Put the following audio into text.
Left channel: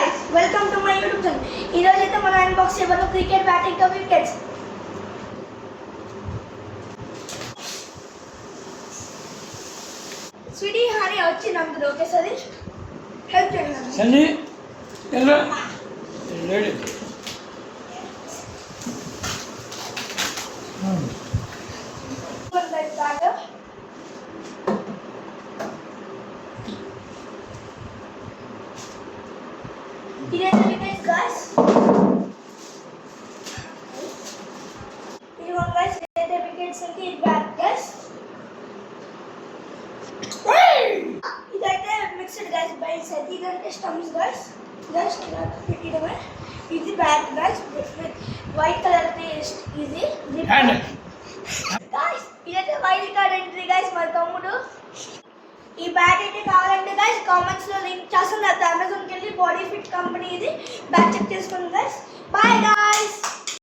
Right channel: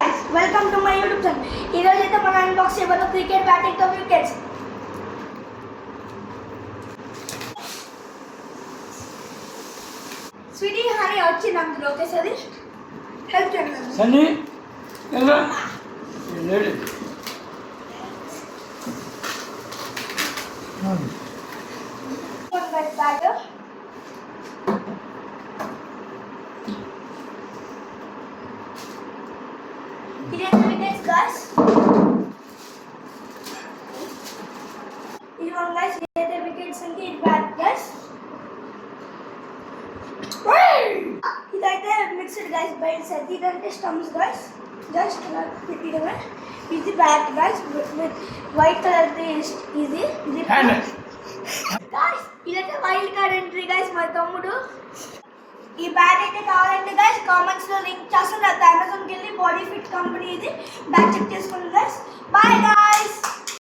Welcome to my YouTube channel. ఈరోజు అయితే మనం అన్బాక్స్ చేయబోతున్న క్రికెట్ బ్యాటింగ్ తో వికెట్స్. స్వీటీ హనీ వచ్చింది అందులో. ఓకే సరే హెల్ప్ చేయండి సన్నీ ఎలా లేడీ బ్యాటర్ ఇదైతే వికెట్స్ గాయ్స్. ఇది వన్ గాయ్స్. ఇదైతే వికెట్స్ అంటే ఇది బ్యాట్ గాయ్స్. ఇదైతే మిక్స్డ్ గాయ్స్. బైల్స్ అయితే ఇదంటే స్టంప్స్ గాయ్స్. జస్ట్ ఇలా పెట్టడమే. ఇది bat guys with white colour ఇది గాయ్స్. ఇదైతే వైల్డ్ కార్డ్ ఎంట్రీ గాయ్స్. మా తమ్ముడు ఈ బ్యాట్ అయితే కావాలంటే గాయ్స్ కామెంట్స్ లో లింక్ చేస్తాను. అమేజాన్కి వెళ్ళి బాడీ ఫిట్ కంపెనీ ఇది బ్యాట్ చెక్ చేసుకోండి గాయ్స్. Bye guys.